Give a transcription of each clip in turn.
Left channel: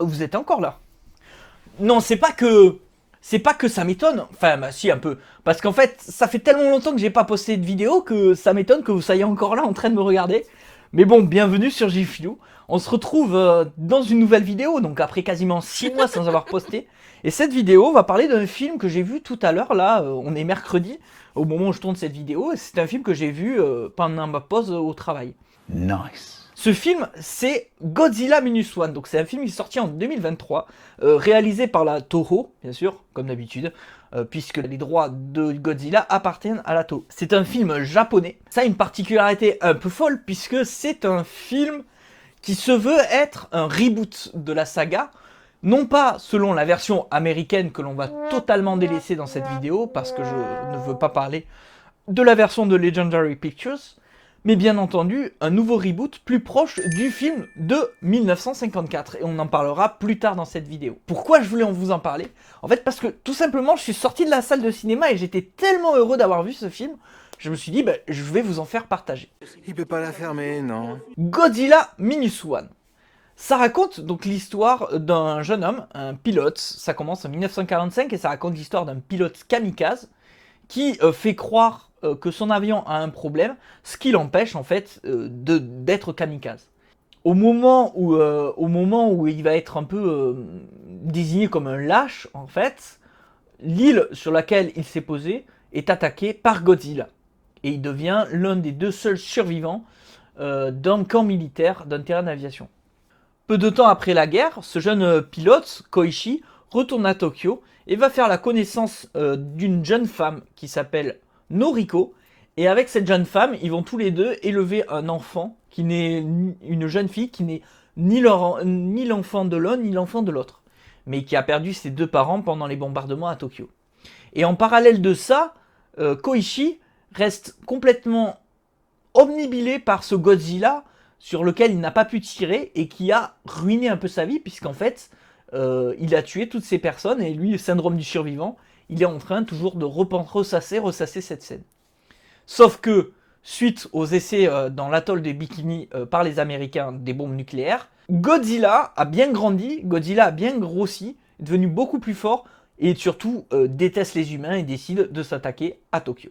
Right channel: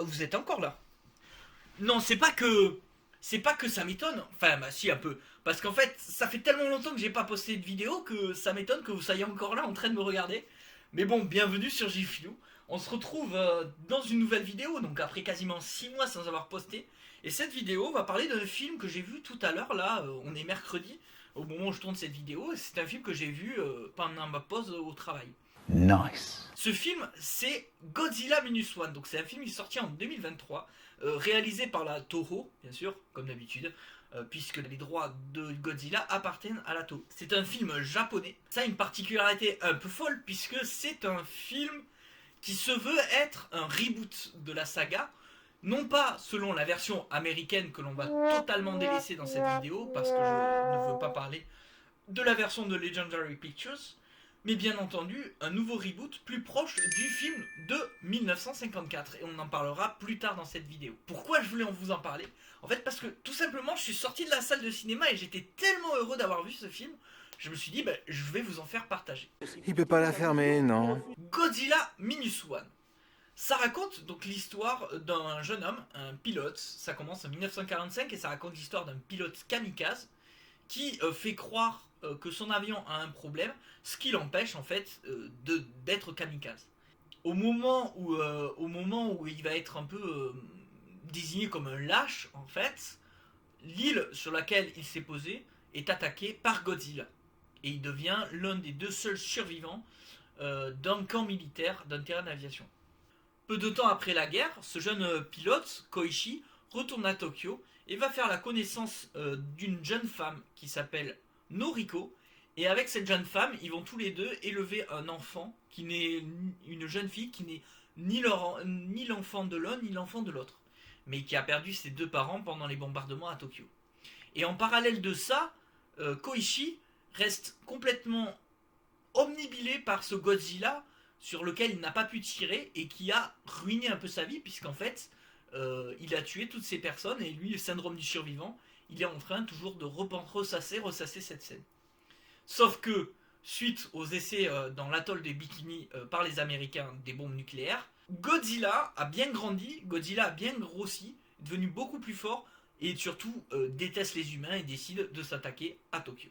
Vous êtes encore là. Non, c'est pas que ça m'étonne. Enfin, bah, si un peu, parce qu'en fait, ça fait tellement longtemps que j'ai pas posté de vidéo que ça m'étonne que vous soyez encore là en train de me regarder. Mais bon, bienvenue sur Gfilou. On se retrouve dans une nouvelle vidéo, donc après quasiment 6 mois sans avoir posté. Et cette vidéo va parler d'un film que j'ai vu tout à l'heure. Là, on est mercredi au moment où je tourne cette vidéo. Et c'est un film que j'ai vu pendant ma pause au travail. Nice. Ce film, c'est Godzilla Minus One. Donc c'est un film qui est sorti en 2023, réalisé par la Toho, bien sûr, comme d'habitude, puisque les droits de Godzilla appartiennent à la Toho. C'est un film japonais. Ça a une particularité un peu folle, puisque c'est un film qui se veut être un reboot de la saga. Non pas selon la version américaine que l'on va totalement délaisser dans cette vidéo, parce que je ne veux pas parler de la version de Legendary Pictures, mais bien entendu un nouveau reboot plus proche du film de 1954, et on en parlera plus tard dans cette vidéo. Pourquoi je voulais vous en parler? En fait parce que tout simplement je suis sorti de la salle de cinéma et j'étais tellement heureux d'avoir vu ce film, je me suis dit je vais vous en faire partager. Il peut pas la fermer, non. Godzilla Minus One. Ça raconte donc l'histoire d'un jeune homme, un pilote. Ça commence en 1945 et ça raconte l'histoire d'un pilote kamikaze qui fait croire que son avion a un problème, ce qui l'empêche en fait d'être kamikaze. Au moment où il va être un peu désigné comme un lâche, en fait, l'île sur laquelle il s'est posé est attaquée par Godzilla. Et il devient l'un des deux seuls survivants d'un camp militaire, d'un terrain d'aviation. Peu de temps après la guerre, ce jeune pilote, Koichi, retourne à Tokyo et va faire la connaissance d'une jeune femme qui s'appelle Noriko. Et avec cette jeune femme, ils vont tous les deux élever un enfant qui n'est une jeune fille qui n'est ni l'enfant de l'un ni l'enfant de l'autre, mais qui a perdu ses deux parents pendant les bombardements à Tokyo. Et en parallèle de ça, Koichi reste complètement omnibilé par ce Godzilla sur lequel il n'a pas pu tirer et qui a ruiné un peu sa vie, puisqu'en fait, il a tué toutes ces personnes et lui, le syndrome du survivant, il est en train toujours de ressasser cette scène. Sauf que, suite aux essais dans l'atoll de Bikini par les Américains des bombes nucléaires, Godzilla a bien grandi, Godzilla a bien grossi, est devenu beaucoup plus fort et surtout déteste les humains et décide de s'attaquer à Tokyo.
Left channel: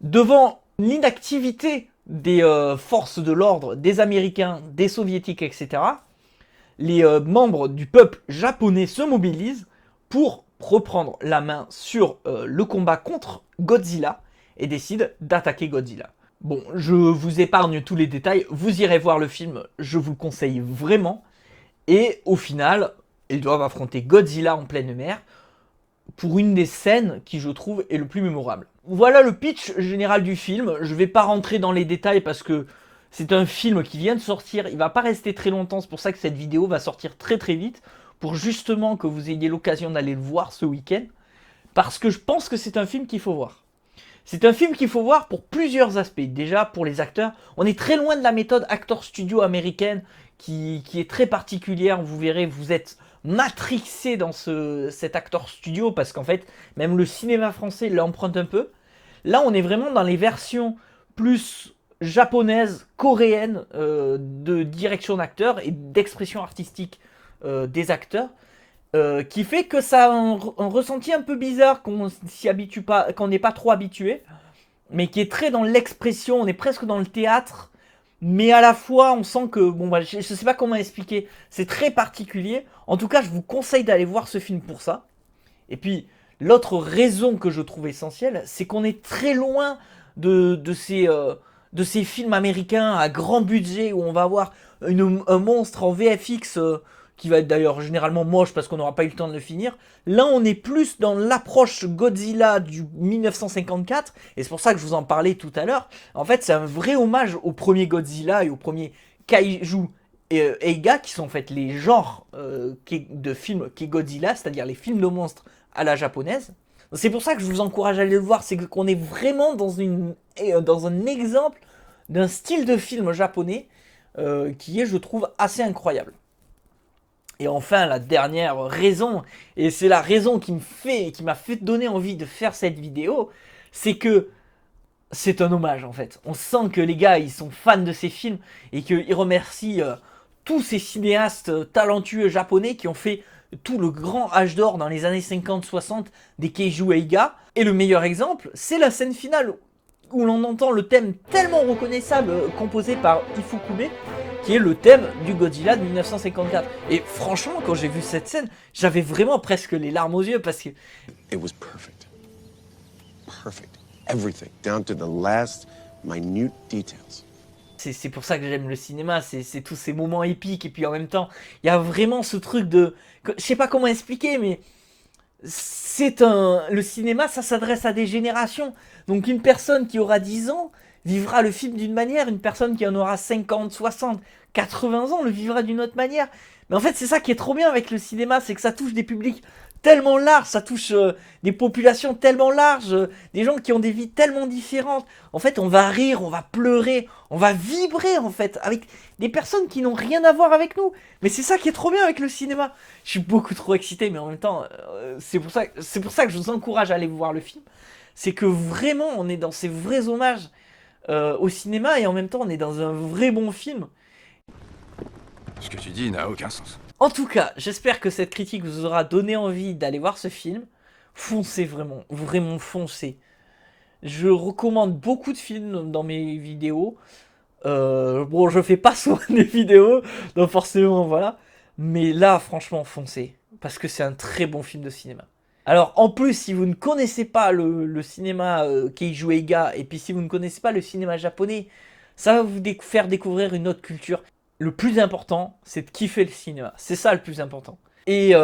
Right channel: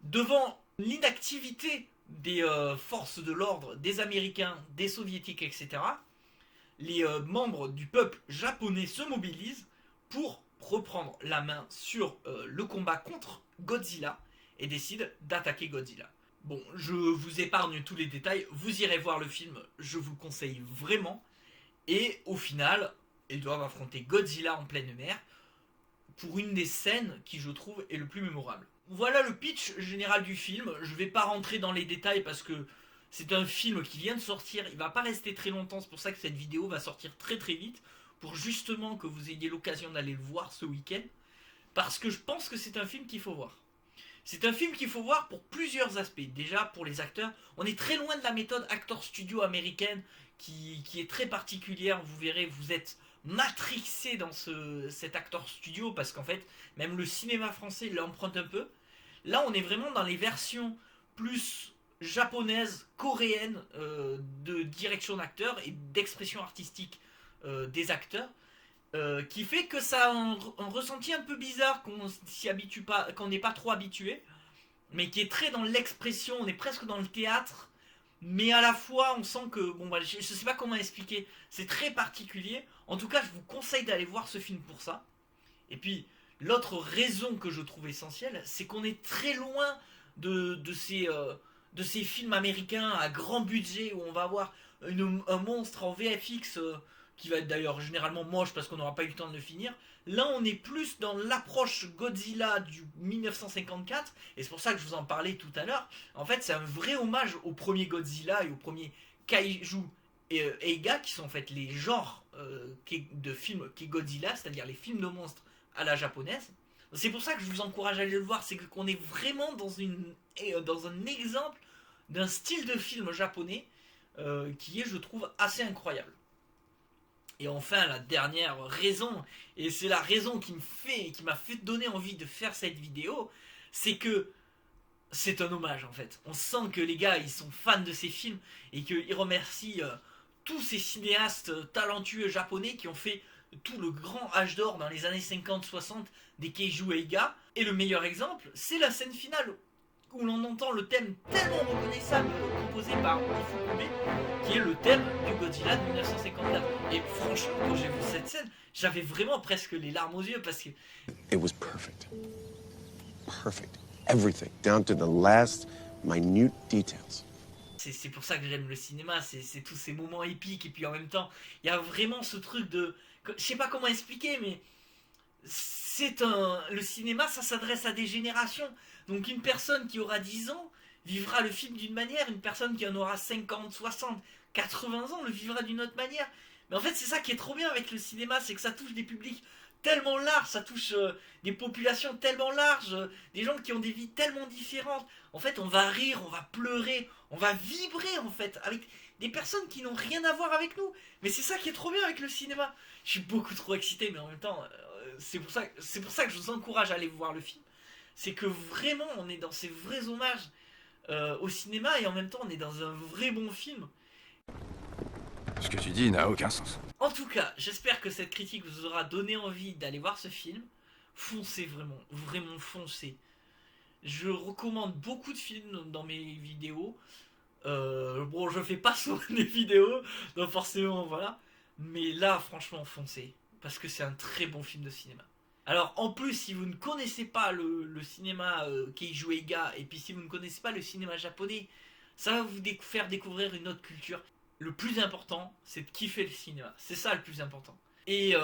Devant l'inactivité des forces de l'ordre, des Américains, des Soviétiques, etc., les membres du peuple japonais se mobilisent pour reprendre la main sur le combat contre Godzilla et décident d'attaquer Godzilla. Bon, je vous épargne tous les détails, vous irez voir le film, je vous le conseille vraiment. Et au final, ils doivent affronter Godzilla en pleine mer pour une des scènes qui, je trouve, est le plus mémorable. Voilà le pitch général du film. Je vais pas rentrer dans les détails parce que c'est un film qui vient de sortir. Il va pas rester très longtemps. C'est pour ça que cette vidéo va sortir très très vite. Pour justement que vous ayez l'occasion d'aller le voir ce week-end. Parce que je pense que c'est un film qu'il faut voir. C'est un film qu'il faut voir pour plusieurs aspects. Déjà pour les acteurs. On est très loin de la méthode actor studio américaine qui est très particulière. Vous verrez, vous êtes matrixé dans cet actor studio parce qu'en fait, même le cinéma français l'emprunte un peu. Là, on est vraiment dans les versions plus japonaises, coréennes de direction d'acteurs et d'expression artistique des acteurs. Qui fait que ça a un ressenti un peu bizarre qu'on s'y habitue pas, qu'on n'est pas trop habitué, mais qui est très dans l'expression, on est presque dans le théâtre, mais à la fois on sent que, bon bah, je sais pas comment expliquer, c'est très particulier. En tout cas, je vous conseille d'aller voir ce film pour ça. Et puis, l'autre raison que je trouve essentielle, c'est qu'on est très loin de ces films américains à grand budget où on va avoir un monstre en VFX qui va être d'ailleurs généralement moche parce qu'on n'aura pas eu le temps de le finir. Là, on est plus dans l'approche Godzilla du 1954, et c'est pour ça que je vous en parlais tout à l'heure. En fait, c'est un vrai hommage au premier Godzilla et au premier Kaiju et Eiga, qui sont en fait les genres de films qu'est Godzilla, c'est-à-dire les films de monstres à la japonaise. C'est pour ça que je vous encourage à aller le voir, c'est qu'on est vraiment dans un exemple d'un style de film japonais qui est, je trouve, assez incroyable. Et enfin, la dernière raison, et c'est la raison qui m'a fait donner envie de faire cette vidéo, c'est que c'est un hommage en fait. On sent que les gars, ils sont fans de ces films et qu'ils remercient tous ces cinéastes talentueux japonais qui ont fait tout le grand âge d'or dans les années 50-60 des Keiju Eiga. Et le meilleur exemple, c'est la scène finale où l'on entend le thème tellement reconnaissable composé par Ifukube, qui est le thème du Godzilla de 1954. Et franchement, quand j'ai vu cette scène, j'avais vraiment presque les larmes aux yeux parce que... It was perfect. Perfect. Everything, down to the last minute details. C'est pour ça que j'aime le cinéma, c'est tous ces moments épiques, et puis en même temps, il y a vraiment ce truc de... Je sais pas comment expliquer, mais... Le cinéma, ça s'adresse à des générations. Donc une personne qui aura 10 ans vivra le film d'une manière, une personne qui en aura 50, 60, 80 ans le vivra d'une autre manière. Mais en fait, c'est ça qui est trop bien avec le cinéma, c'est que ça touche des publics tellement larges, ça touche des populations tellement larges, des gens qui ont des vies tellement différentes. En fait, on va rire, on va pleurer, on va vibrer en fait avec des personnes qui n'ont rien à voir avec nous. Mais c'est ça qui est trop bien avec le cinéma. Je suis beaucoup trop excité, mais en même temps, c'est pour ça que je vous encourage à aller voir le film. C'est que vraiment, on est dans ces vrais hommages au cinéma, et en même temps, on est dans un vrai bon film. Ce que tu dis n'a aucun sens. En tout cas, j'espère que cette critique vous aura donné envie d'aller voir ce film. Foncez vraiment, vraiment foncez. Je recommande beaucoup de films dans mes vidéos. Bon, je fais pas souvent des vidéos, donc forcément, voilà. Mais là, franchement, foncez. Parce que c'est un très bon film de cinéma. Alors, en plus, si vous ne connaissez pas le cinéma Keiju Eiga, et puis si vous ne connaissez pas le cinéma japonais, ça va vous faire découvrir une autre culture. Le plus important, c'est de kiffer le cinéma. C'est ça le plus important. Et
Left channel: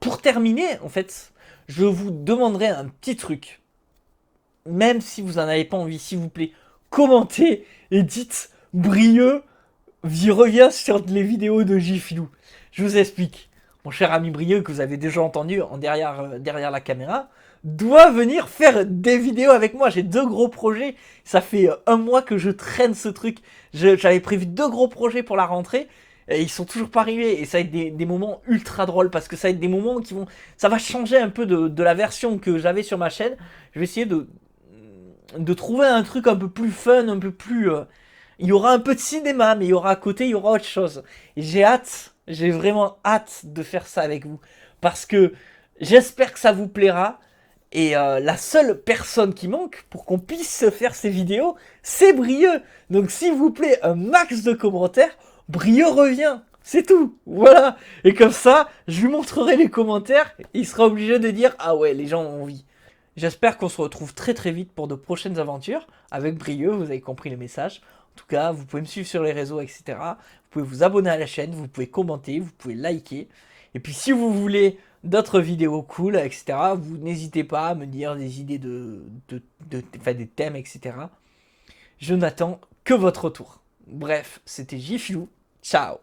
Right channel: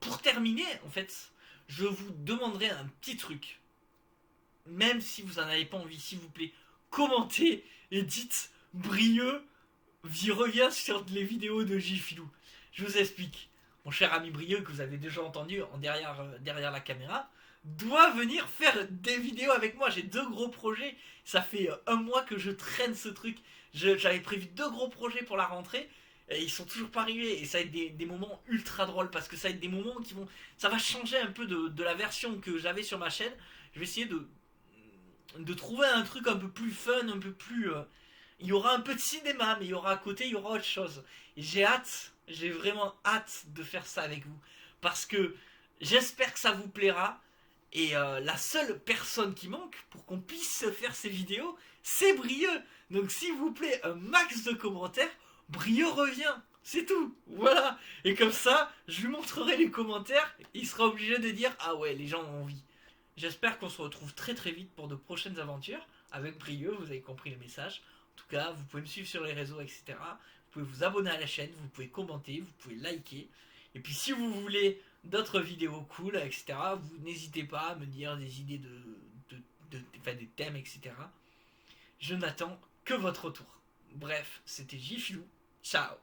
pour terminer, en fait, je vous demanderai un petit truc. Même si vous n'en avez pas envie, s'il vous plaît, commentez et dites Brieux revient sur les vidéos de Gifilou. Je vous explique. Mon cher ami Brieux, que vous avez déjà entendu derrière la caméra, doit venir faire des vidéos avec moi. J'ai 2 gros projets. Ça fait 1 mois que je traîne ce truc. J'avais prévu 2 gros projets pour la rentrée. Et ils sont toujours pas arrivés. Et ça va être des moments ultra drôles. Parce que ça va être des moments qui vont... Ça va changer un peu de la version que j'avais sur ma chaîne. Je vais essayer de trouver un truc un peu plus fun, un peu plus... Il y aura un peu de cinéma, mais il y aura à côté, il y aura autre chose. Et j'ai vraiment hâte de faire ça avec vous. Parce que j'espère que ça vous plaira. Et la seule personne qui manque pour qu'on puisse faire ces vidéos, c'est Brieux. Donc s'il vous plaît, un max de commentaires, Brieux revient. C'est tout, voilà. Et comme ça, je lui montrerai les commentaires, et il sera obligé de dire « Ah ouais, les gens ont envie ». J'espère qu'on se retrouve très très vite pour de prochaines aventures avec Brieux, vous avez compris le message. En tout cas, vous pouvez me suivre sur les réseaux, etc. Vous pouvez vous abonner à la chaîne, vous pouvez commenter, vous pouvez liker. Et puis si vous voulez d'autres vidéos cool, etc., vous n'hésitez pas à me dire des idées des thèmes, etc. Je n'attends que votre retour. Bref, c'était Gifilou. Ciao.